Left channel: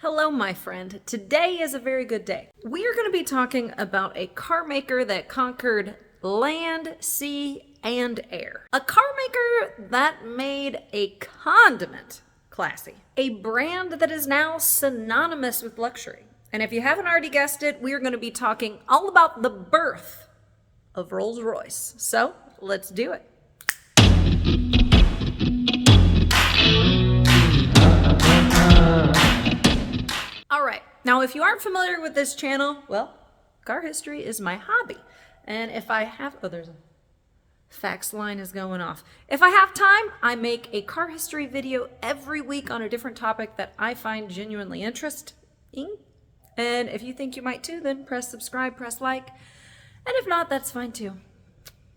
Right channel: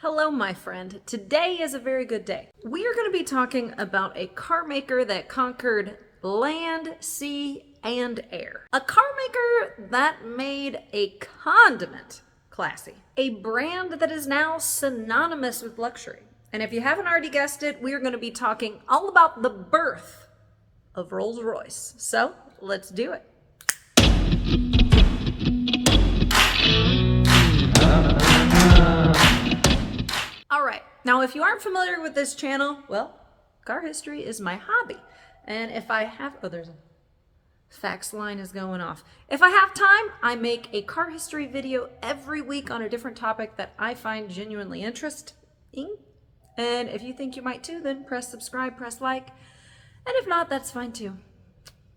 Hello, my friend. Today is a very good day. We are going to be talking about a car maker that conquered land, sea, and air. A car maker that made a condiment classy. A brand that is now synonymous with luxury. And if you haven't already guessed it, we are going to be talking all about the birth of Rolls-Royce. So, let's do it. Alright, now if you aren't familiar with this channel, well, car history is my hobby. And if I have, there's a fax line is going off. If I have time, I make a car history video every week on a different topic that I find genuinely interesting. And if you think you might too, then press subscribe, press like. And if not, that's fine too.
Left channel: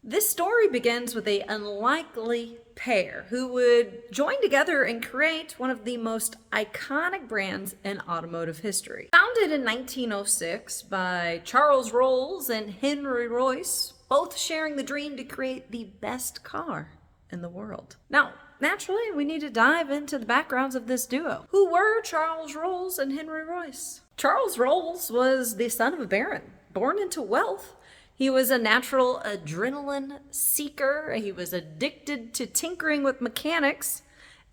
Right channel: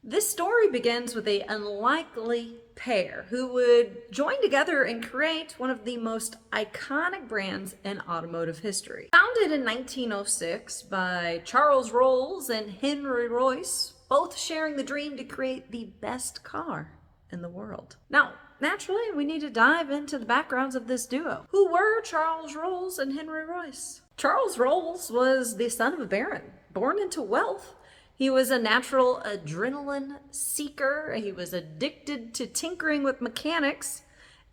This story begins with an unlikely pair who would join together and create one of the most iconic brands in automotive history. Founded in 1906 by Charles Rolls and Henry Royce, both sharing the dream to create the best car in the world. Now, naturally, we need to dive into the backgrounds of this duo. Who were Charles Rolls and Henry Royce? Charles Rolls was the son of a baron, born into wealth. He was a natural adrenaline seeker. He was addicted to tinkering with mechanics,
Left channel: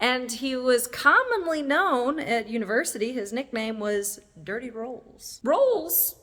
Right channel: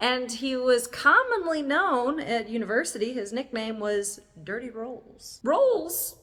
and he was commonly known at university. His nickname was Dirty Rolls. Rolls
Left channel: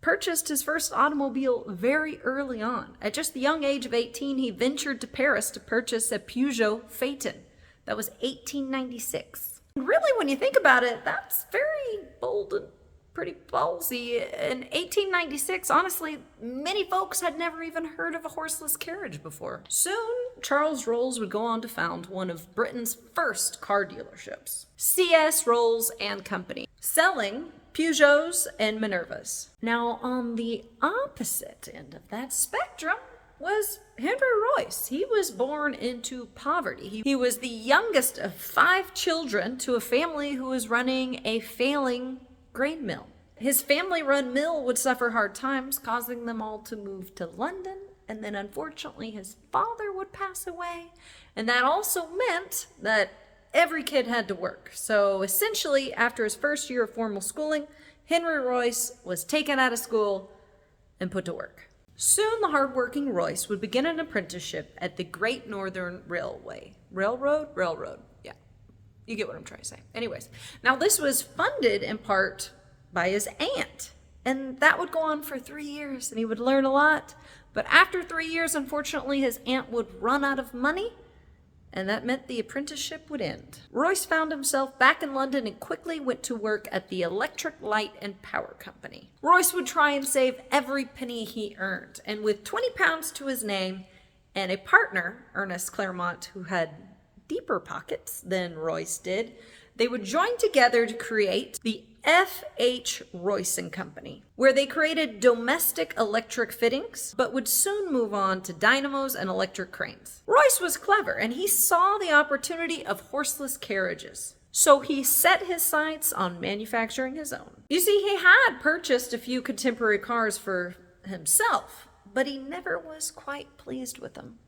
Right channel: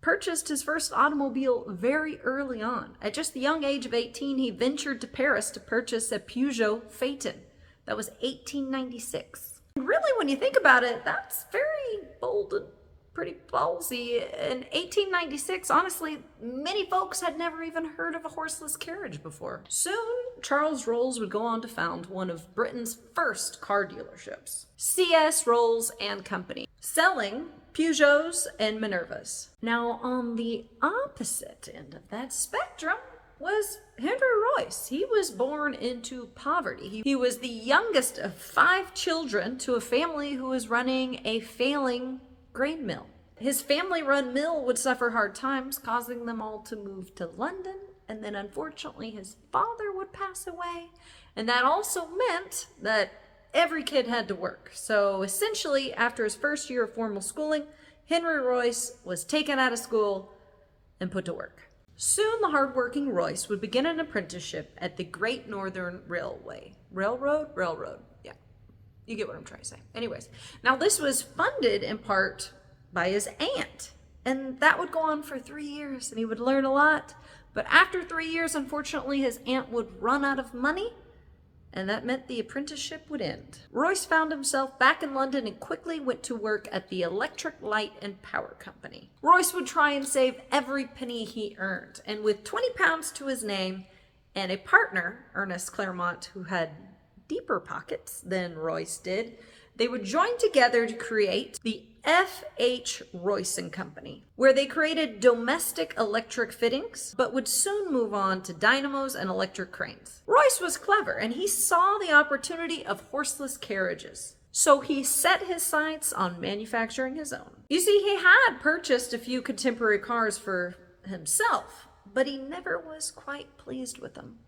purchased his first automobile very early on. At just the young age of 18, he ventured to Paris to purchase a Peugeot Phaeton. That was 1896. Really, when you think about it, that's very bold and pretty ballsy. In 1896, honestly, many folks had never even heard of a horseless carriage before. Soon, Charles Rolls would go on to found one of Britain's first car dealerships, C.S. Rolls and Company, selling Peugeots and Minervas. Now, on the opposite end of that spectrum was Henry Royce. He was born into poverty. He was the youngest of 5 children to a family who was running a failing grain mill. His family-run mill would suffer hard times, causing them all to move to London, and then unfortunately his father would pass away, and that also meant that every kid had to work. So essentially, after his first year of formal schooling, Henry Royce was taken out of school and put to work. Soon the hardworking Royce would begin an apprenticeship at the Great Northern Railway. Railroad. Yeah. You get what I'm trying to say. Anyways, now this was funded in part by his aunt, and that would go on for 3 years, and he would learn a lot. But after 3 years, unfortunately, his aunt would run out of money, and that meant the apprenticeship would end. Royce found himself back in London and quickly went to work at the Electric Light and Power Company. Royce would try and save every penny he earned, and with £20 to his name and a partner, Ernest Claremont, who had deeper pockets than Royce did, they would join together to create the F.H. Royce and Company, where they created domestic electric fittings, but would soon move on to dynamos and electric cranes. Royce was clever, and he saw the opportunity of horseless carriages. So he set his sights on manufacturing his own. You see, he had purchased a few contemporary cars for himself, but he never was quite pleased with them.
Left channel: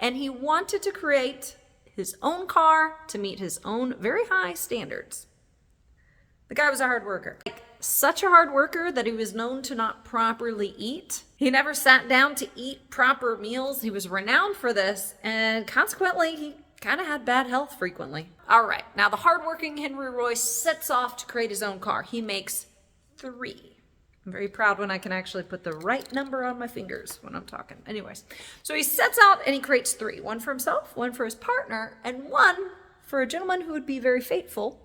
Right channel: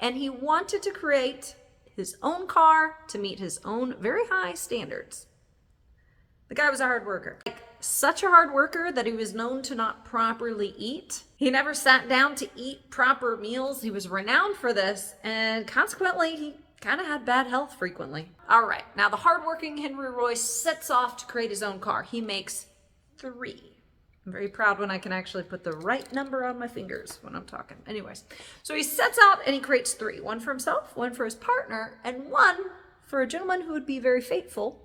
And he wanted to create his own car to meet his own very high standards. The guy was a hard worker. Such a hard worker that he was known to not properly eat. He never sat down to eat proper meals. He was renowned for this, and consequently, he kind of had bad health frequently. All right, now the hardworking Henry Royce sets off to create his own car. He makes 3. I'm very proud when I can actually put the right number on my fingers when I'm talking. Anyways, so he sets out and he creates 3. 1 for himself, 1 for his partner, and 1 for a gentleman who would be very faithful,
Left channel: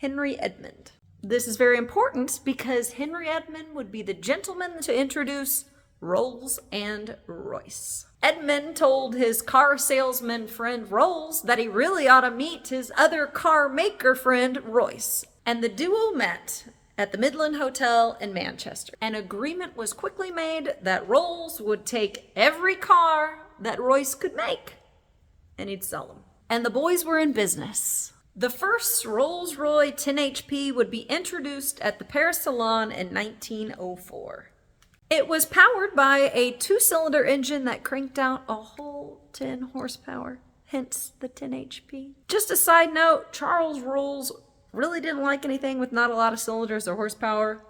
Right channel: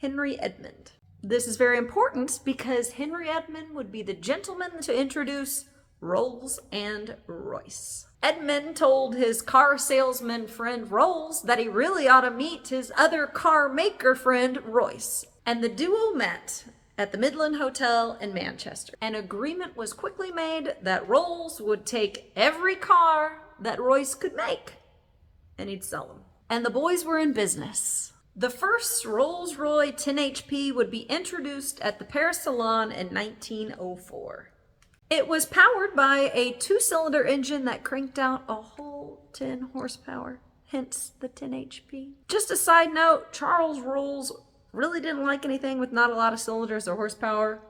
Henry Edmund. This is very important because Henry Edmund would be the gentleman to introduce Rolls and Royce. Edmund told his car salesman friend Rolls that he really ought to meet his other car maker friend Royce, and the duo met at the Midland Hotel in Manchester. An agreement was quickly made that Rolls would take every car that Royce could make, and he'd sell them. And the boys were in business. The first Rolls-Royce 10 HP would be introduced at the Paris Salon in 1904. It was powered by a 2-cylinder engine that cranked out a whole 10 horsepower, hence the 10 HP. Just a side note, Charles Rolls really didn't like anything with not a lot of cylinders or horsepower,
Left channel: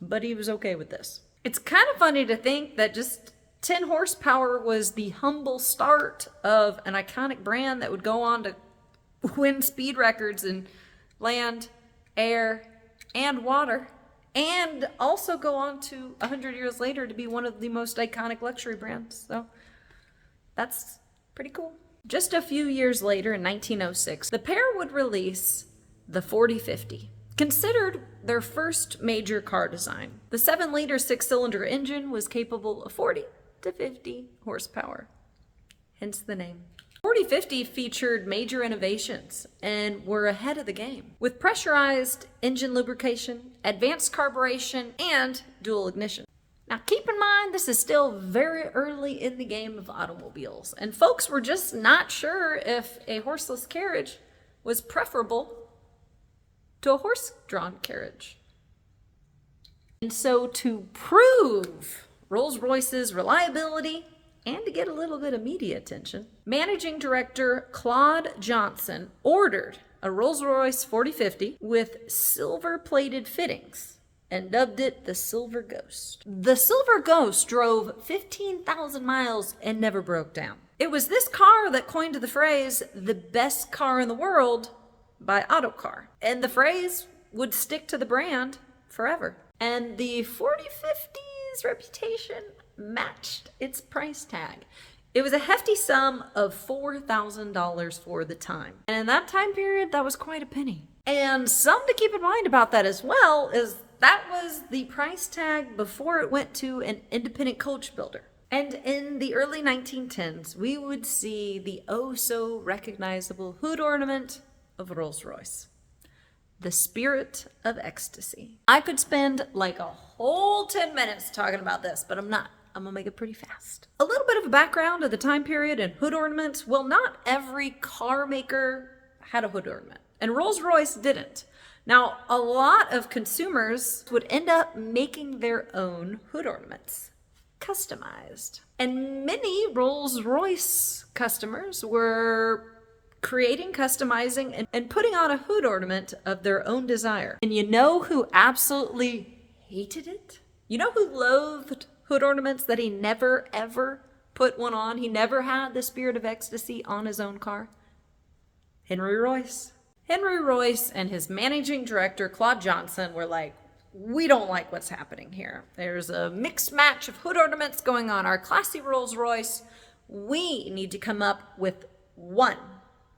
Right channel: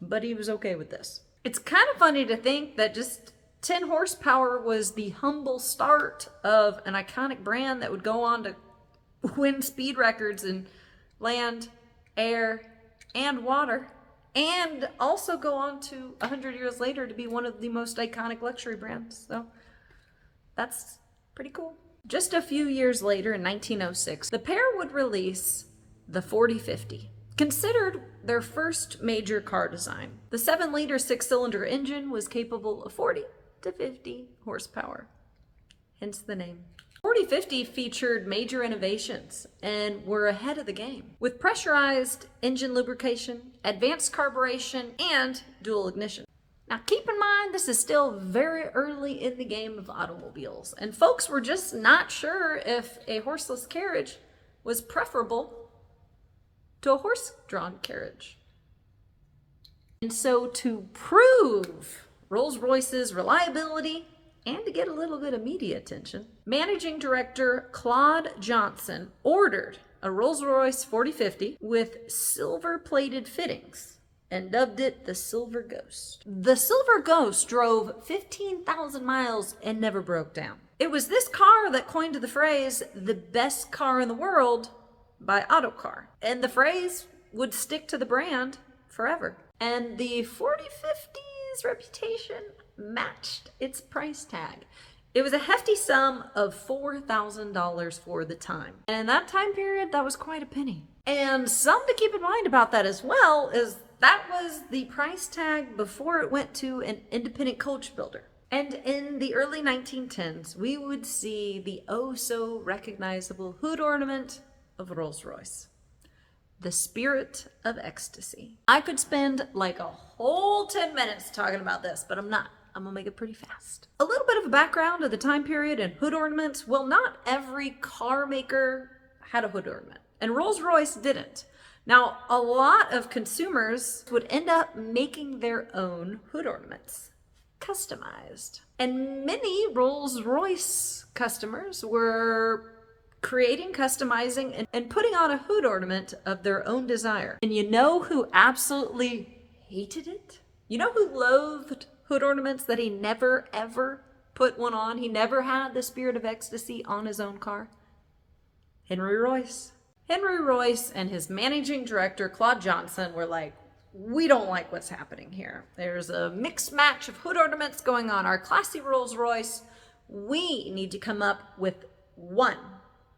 but he was okay with this. It's kind of funny to think that just 10 horsepower was the humble start of an iconic brand that would go on to win speed records in land, air, and water, and also go on to 100 years later to be one of the most iconic luxury brands. So that's pretty cool. Just a few years later, in 1906, the pair would release the 4050, considered their first major car design. The 7-liter 6-cylinder engine was capable of 40 to 50 horsepower, hence the name. 4050 featured major innovations and were ahead of the game, with pressurized engine lubrication, advanced carburation, and dual ignition. Now keep in mind, this is still very early in the game of automobiles, and folks were just not sure if a horseless carriage was preferable to a horse-drawn carriage. And so to prove Rolls-Royce's reliability and to get a little bit of media attention, managing director Claude Johnson ordered a Rolls-Royce 4050 with silver-plated fittings and dubbed it the Silver Ghost. The Silver Ghost drove 15,000 miles and never broke down. It was this car that coined the phrase, "the best car in the world," by Autocar. And the phrase would stick to the brand forever. And the 4050's reputation matched its price tag. It was a hefty sum of $4,000 for the time. And in that time period, that was quite a penny. And something to keep in mind about that as well is that was the price tag before it went to an independent coach builder. And in the early 1910s, we would see the oh-so-recognizable hood ornament of Rolls-Royce, the Spirit of Ecstasy. I could spend like a whole 10 minutes talking about this, but I'm not. I'm gonna make it pretty fast. A little bit of a background of the time period and hood ornaments. Well, not every car maker had a hood ornament, and Rolls-Royce didn't. Now, a lot of consumers would end up making their own hood ornaments, customized. And many Rolls-Royce customers were creating, customizing, and putting on a hood ornament of their own desire. And you know who absolutely hated it? You know who loathed hood ornaments, that he never ever put one on? He never had the Spirit of Ecstasy on his own car? Henry Royce. Henry Royce and his managing director, Claude Johnson, were like, we don't like what's happening here. There's a mixed match of hood ornaments going on our classy Rolls-Royce. We need to come up with one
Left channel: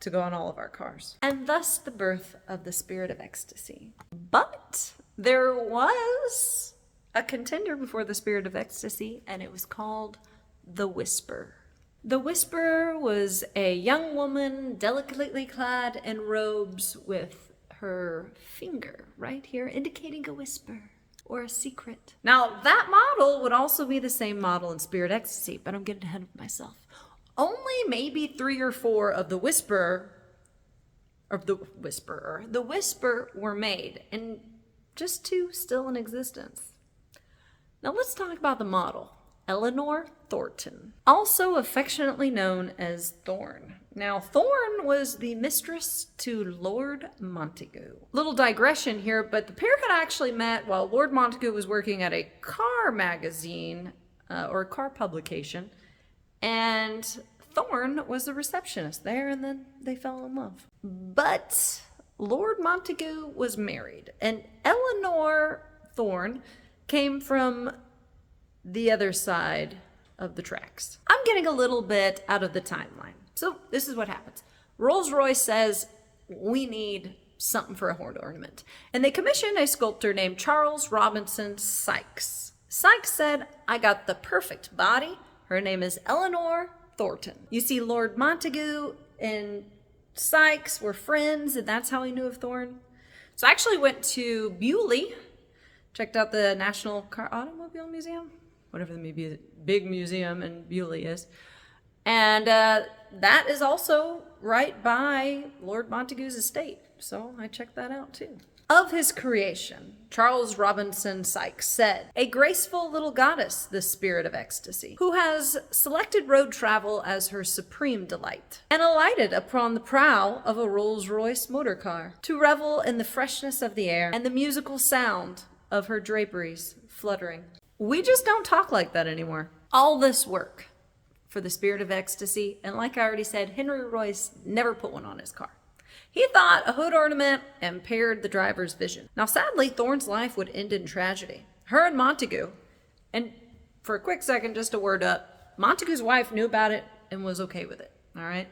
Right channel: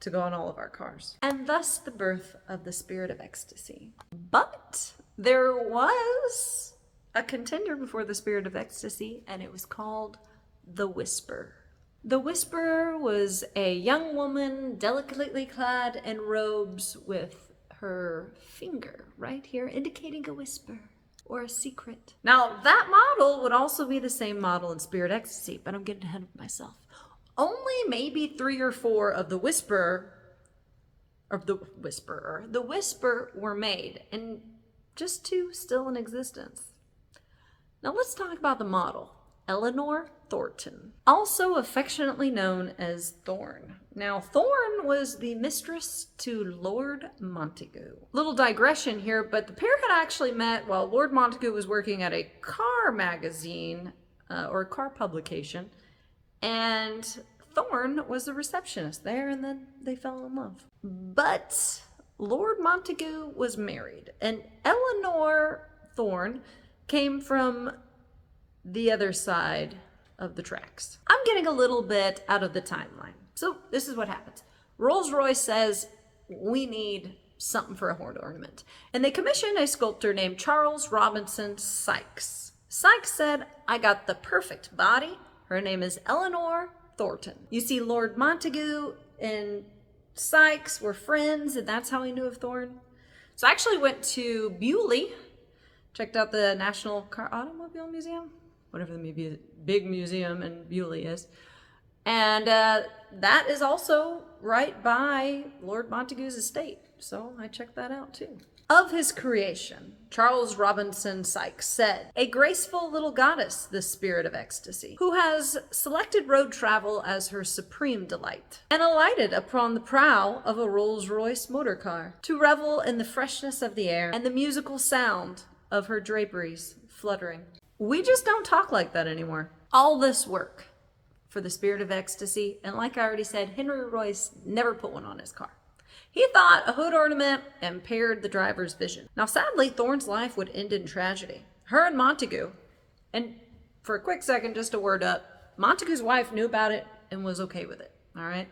to go on all of our cars. And thus the birth of the Spirit of Ecstasy. But there was a contender before the Spirit of Ecstasy, and it was called the Whisper. The Whisper was a young woman delicately clad in robes with her finger right here indicating a whisper or a secret. Now that model would also be the same model in Spirit Ecstasy, but I'm getting ahead of myself. Only maybe 3 or 4 of the Whisper were made, and just 2 still in existence. Now let's talk about the model, Eleanor Thornton, also affectionately known as Thorn. Now Thorn was the mistress to Lord Montagu. Little digression here, but the pair had actually met while Lord Montagu was working at a car magazine or car publication, and Thorn was the receptionist there, and then they fell in love. But Lord Montagu was married, and Eleanor Thorn came from the other side of the tracks. I'm getting a little bit out of the timeline. So this is what happens. Rolls-Royce says, we need something for a hood ornament. And they commissioned a sculptor named Charles Robinson Sykes. Sykes said, I got the perfect body. Her name is Eleanor Thornton. You see, Lord Montagu and Sykes were friends, and that's how he knew of Thorn. So I actually went to Bewley, checked out the National Automobile Museum, whatever the big museum in Bewley is. And that is also right by Lord Montagu's estate. So I checked that out too. Of his creation, Charles Robinson Sykes said, "A graceful little goddess, this spirit of ecstasy, who has selected road travel as her supreme delight, and alighted upon the prow of a Rolls-Royce motor car, to revel in the freshness of the air and the musical sound of her draperies fluttering." We just don't talk like that anymore. All this work for the spirit of ecstasy, and like I already said, Henry Royce never put one on his car. He thought a hood ornament impaired the driver's vision. Now, sadly, Thorne's life would end in tragedy. Her and Montague, and for a quick second, just a word up, Montague's wife knew about it and was okay with it, all right?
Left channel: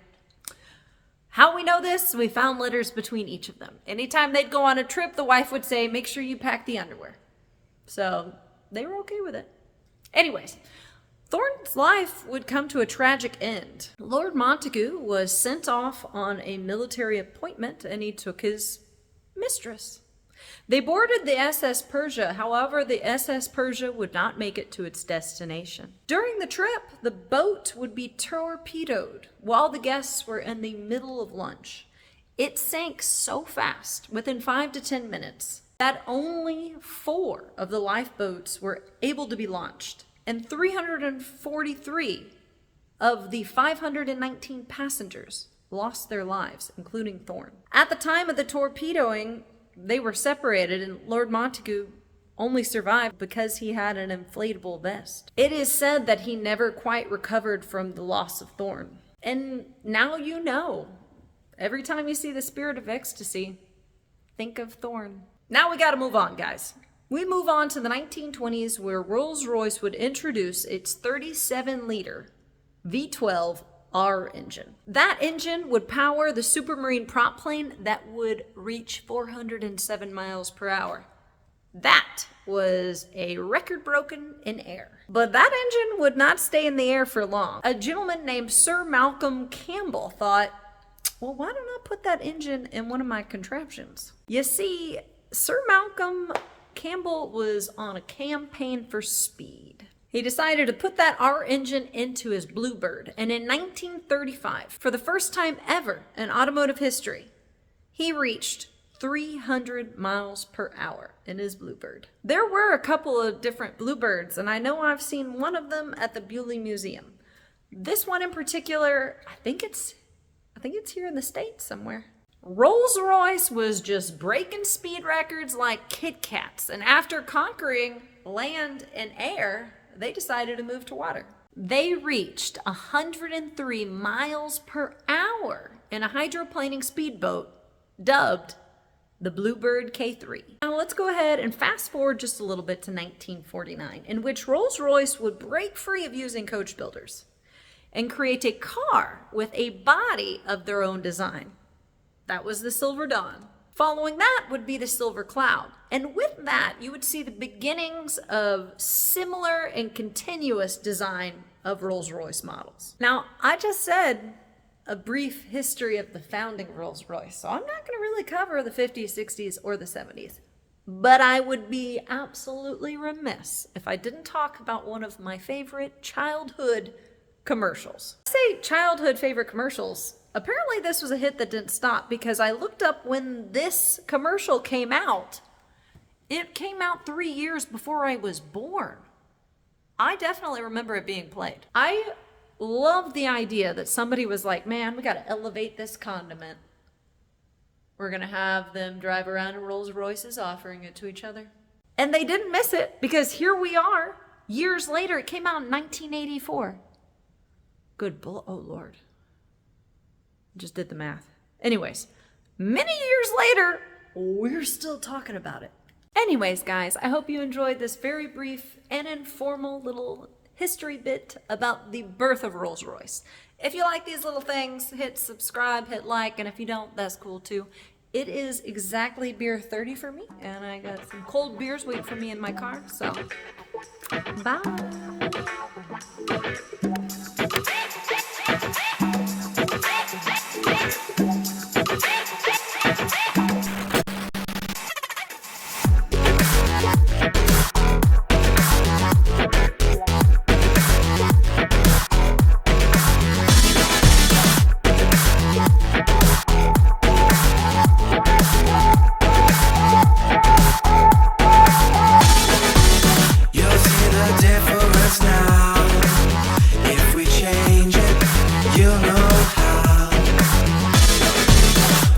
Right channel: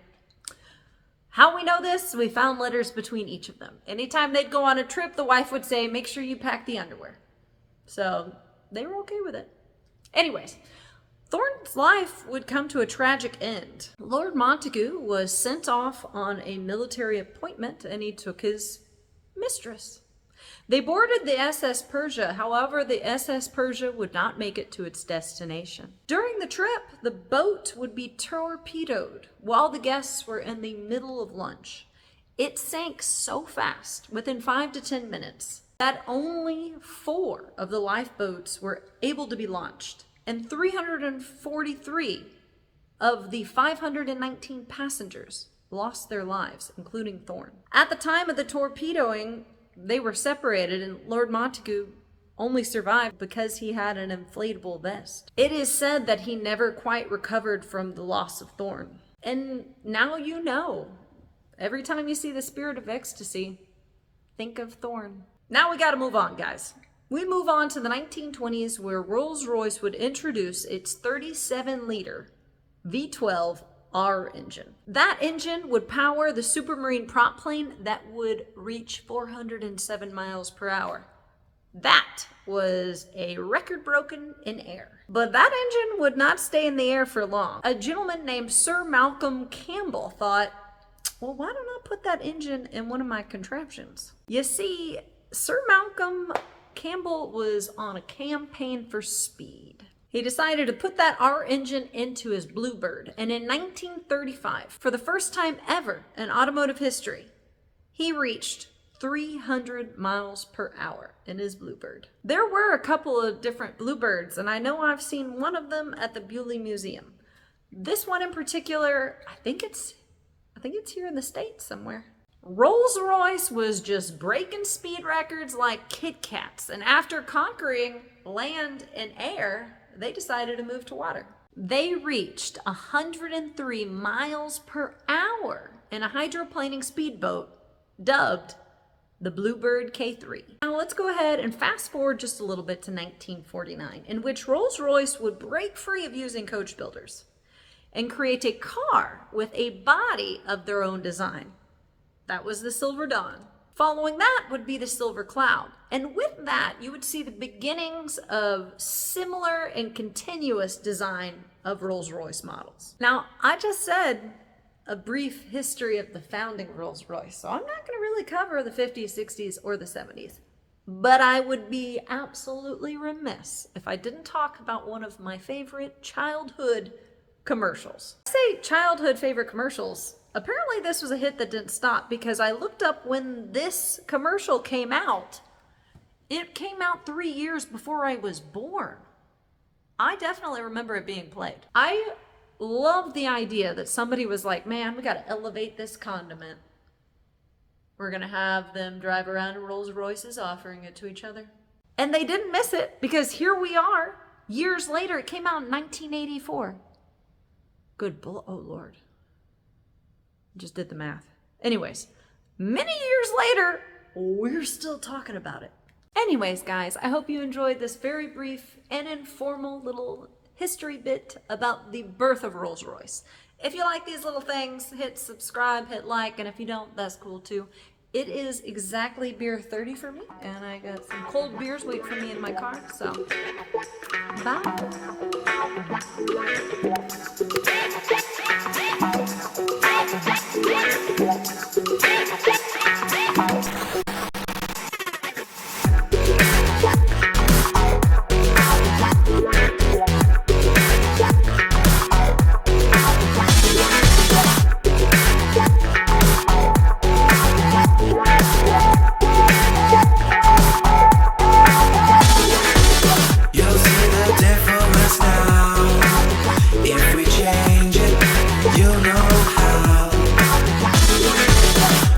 How we know this? We found letters between each of them. Anytime they'd go on a trip, the wife would say, "Make sure you pack the underwear." So they were okay with it. Anyways, Thorne's life would come to a tragic end. Lord Montague was sent off on a military appointment, and he took his mistress. They boarded the SS Persia. However, the SS Persia would not make it to its destination. During the trip, the boat would be torpedoed while the guests were in the middle of lunch. It sank so fast, within 5 to 10 minutes, that only 4 of the lifeboats were able to be launched, and 343 of the 519 passengers lost their lives, including Thorne. At the time of the torpedoing, they were separated, and Lord Montague only survived because he had an inflatable vest. It is said that he never quite recovered from the loss of Thorne. And now you know. Every time you see the spirit of ecstasy, think of Thorne. Now we gotta move on, guys. We move on to the 1920s, where Rolls-Royce would introduce its 37-liter V12 R engine. That engine would power the Supermarine prop plane that would reach 407 miles per hour. That was a record broken in air. But that engine would not stay in the air for long. A gentleman named Sir Malcolm Campbell thought, well, why don't I put that engine in one of my contraptions? You see, Sir Malcolm Campbell was on a campaign for speed. He decided to put that R engine into his Bluebird, and in 1935, for the first time ever in automotive history, he reached 300 miles per hour in his Bluebird. There were a couple of different Bluebirds, and I know I've seen one of them at the Bewley Museum. This one in particular, I think it's here in the States somewhere. Rolls-Royce was just breaking speed records like Kit Kats, and after conquering land and air, they decided to move to water. They reached 103 miles per hour in a hydroplaning speedboat dubbed the Bluebird K3. Now let's go ahead and fast forward just a little bit to 1949, in which Rolls-Royce would break free of using coach builders and create a car with a body of their own design. That was the Silver Dawn. Following that would be the Silver Cloud. And with that, you would see the beginnings of similar and continuous design of Rolls-Royce models. Now, I just said a brief history of the founding of Rolls-Royce, so I'm not going to really cover the 50s, 60s, or the 70s. But I would be absolutely remiss if I didn't talk about one of my favorite childhood commercials. I say childhood favorite commercials. Apparently this was a hit that didn't stop, because I looked up when this commercial came out. It came out 3 years before I was born. I definitely remember it being played. I love the idea that somebody was like, man, we gotta elevate this condiment. We're gonna have them drive around in Rolls Royces offering it to each other. And they didn't miss it, because here we are, years later. It came out in 1984. Oh Lord. Just did the math. Anyways, many years later, we're still talking about it. Anyways, guys, I hope you enjoyed this very brief and informal little history bit about the birth of Rolls-Royce. If you like these little things, hit subscribe, hit like, and if you don't, that's cool too. It is exactly beer 30 for me, and I got some cold beers waiting for me in my car, so bye.